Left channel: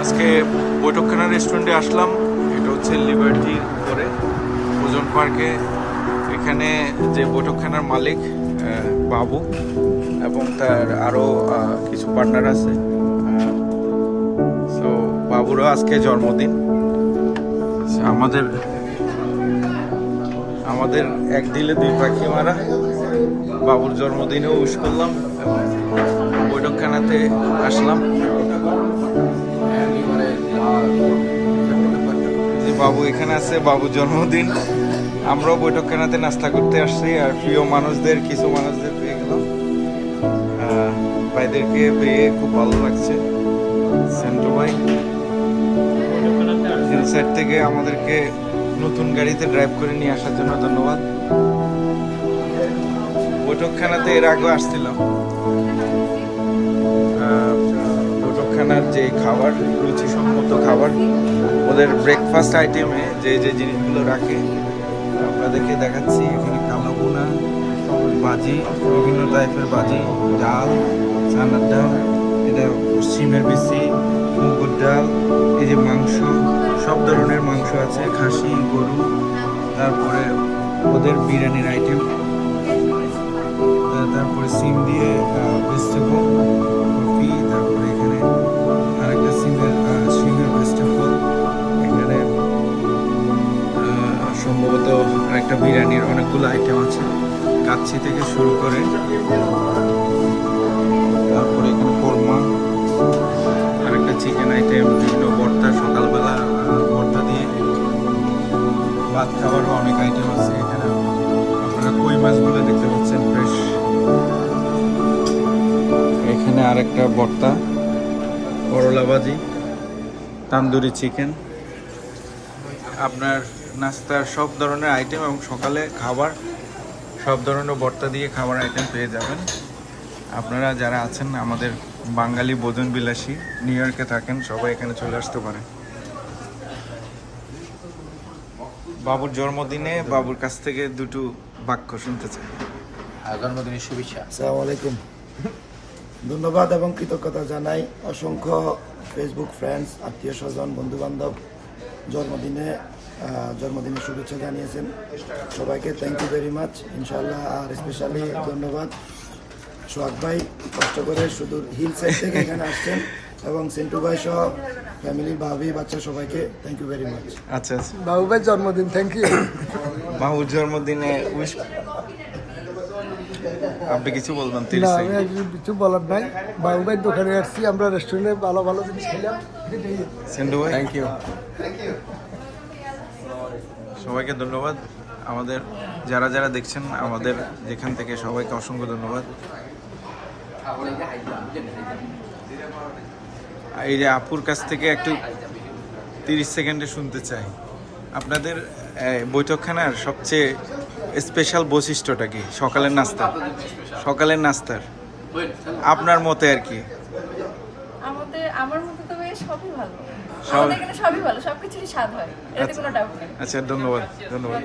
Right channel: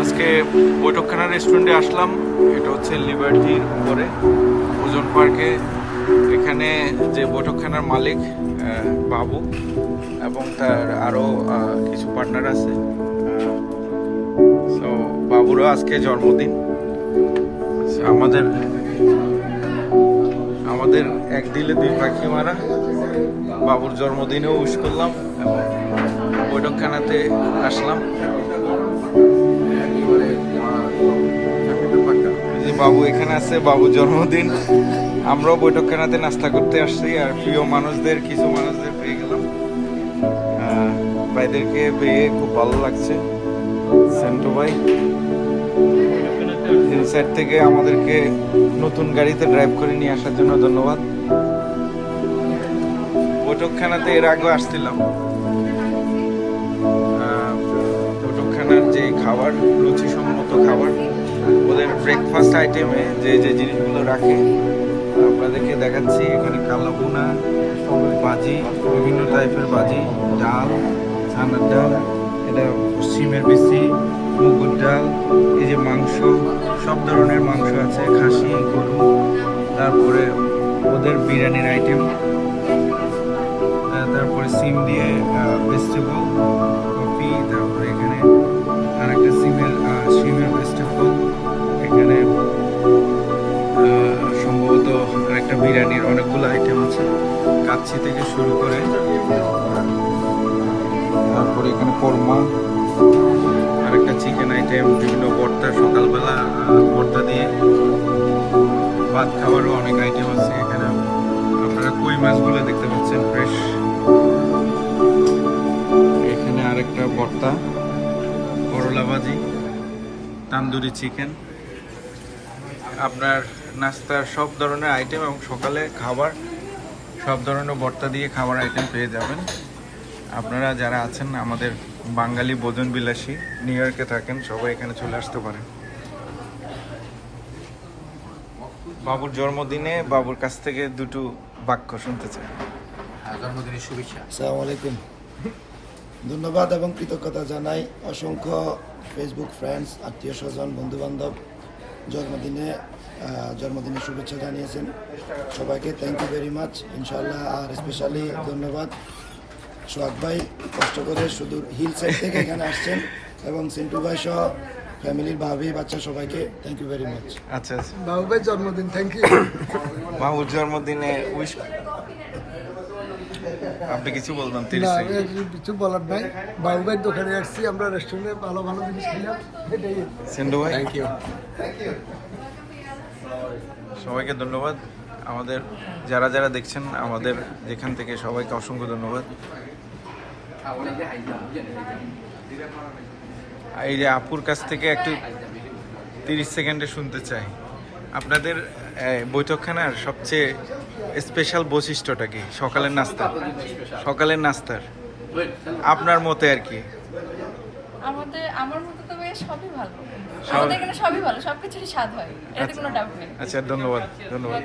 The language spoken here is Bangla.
আজকে বৈঠকখানা রেস্টুরেন্টে আসলাম। এটা হচ্ছে লিবার্টির উপরে ওজন পার্কে এখানে যে বৈঠকখানার মালিক বাবু এবং তার আরও কিছু পার্টনার আছে। সো বাবুরও আজকে জন্মদিন। আমাদের আমাদের এক দিলে দুই পাখি মারা বাবুর জন্মদিনেও উইশ করলাম এবং বৈঠকখানাতে আসলাম। বাবু এখানে আছে বাবুর জন্মদিন। আমরাও বৈঠকখানাতে নাস্তা করতে আসছি, আর প্রিয় মানুষদের, কিছু মানুষদের পেয়ে গেলাম। ভাইদেরকে পেয়ে খুব ভালো লাগছে। সেন্টু ভাই, হিলসাইড থেকে আমাদেরকে নতুন গাড়িতে ড্রাইভ করে নিয়ে আসার জন্য ধন্যবাদ। বৈঠকখানাতে এর আগেও আসছিলাম। যে খাবার, রুচিসম্মত খাবার, ওদের ব্রেকফাস্ট আইটেমে যে যে জিনিসগুলো রাখে, আপনাদেরকে দেখাচ্ছি। এখানে কালো ভুনা, বাজি, বিভিন্ন টাইপের বাজি, ডাল চানার ডাল, এটা সিমের বেশি মুগুর ডাল, এই যে মাংস, সব ধরনের মাংস আছে, খাসি, গরু, তারপরে ওদের বিরিয়ানির আইটেম তারপরে সিম দিয়ে ভেজিটেবল সম্ভবত আরেকটা বিরিয়ানির অনেকগুলো আইটেম আছে। কাচ্ছি থেকে শুরু করে, তারপরে এখানে কোরমা, আরেকটা চিকেন আইটেম বিভিন্ন ভর্তা, সকালবেলা ভর্তা দিয়ে। ভাত খাবারও অনেক আইটেম আছে এখানে। আপনারা কই মাছগুলো দেখতে পাচ্ছেন ফ্রেশ এখানে আরেকটা ভর্তা, করলা ভাজি, তান্দুরি চিকেন আপনার নাস্তার সব ধরনের আইটেম এবং সকালে খাবার সব ধরনের ভর্তা দিয়ে খাবার আইটেম পেয়ে যাবেন। আপনারা যারা আছেন আমাদের বাঙালি ভোজন বিলাসী নিউ ইয়র্কে থাকেন সবাই এখানে চলে আসতে পারেন। বাবুর জন্মদিনে বাবুর কাছ থেকে দুটো বাক্য শুনতে চাই। জন্মদিনের শুভেচ্ছা। আসসালামু আলাইকুম। ধন্যবাদ এবং কৃতজ্ঞতা জানাই অসংখ্য ফেসবুক ফ্রেন্ডস আত্মীয় স্বজন বন্ধু বান্ধব জন্মদিনে জন্মদিনের শুভেচ্ছা জানিয়েছেন। সবাইকে থ্যাংক ইউ ভেরি মাচ ইনশাল্লাহ আর স্পেশালি ধন্যবাদ। সোহাগ ভাই কষ্ট করে সুদূর হিল সাইড থেকে এখানে আসছেন এবং সিন্টু ভাই সহ ফ্যামিলির ভাবি বাচ্চা সবাইকে থ্যাংক ইউ ভেরি মাচ আচ্ছা আচ্ছা। বাবু ভাই জন্মদিন থ্যাংক ইউ বাবুর জন্মদিনে উইশ আপনি কিছু বলবেন তিরিশ সেকেন্ড। কিছু বলার নাই। বাবু ভাই দোকানে আসছি আমরা রেস্টুরেন্টে ভালো ভালো জিনিস খেলাম। এটাই। ভাই। থ্যাংক ইউ সবাইকে ধন্যবাদ। আমাদের যারা যারা দেখছেন আমাদের যেখান থেকে সবাইকে অসংখ্য ধন্যবাদ। এই যে আপুর কাছ থেকে একটু তিরিশ সেকেন্ডে শুনতে চাই। আপনাদের বৈঠকখানার সবচেয়ে স্পেশাল বৈশিষ্ট্যটা কি? সকালের নাস্তা? সকালের নাস্তার আপনার মতে আর কি? আমাদের আমার মতে তো সবই ভালো। আমাদের এখানে সবই ভালো সবকিছুরই স্বাদ হয়। এটাতে কোনো ডাউট নেই। আচ্ছা ধন্যবাদ ধন্যবাদ।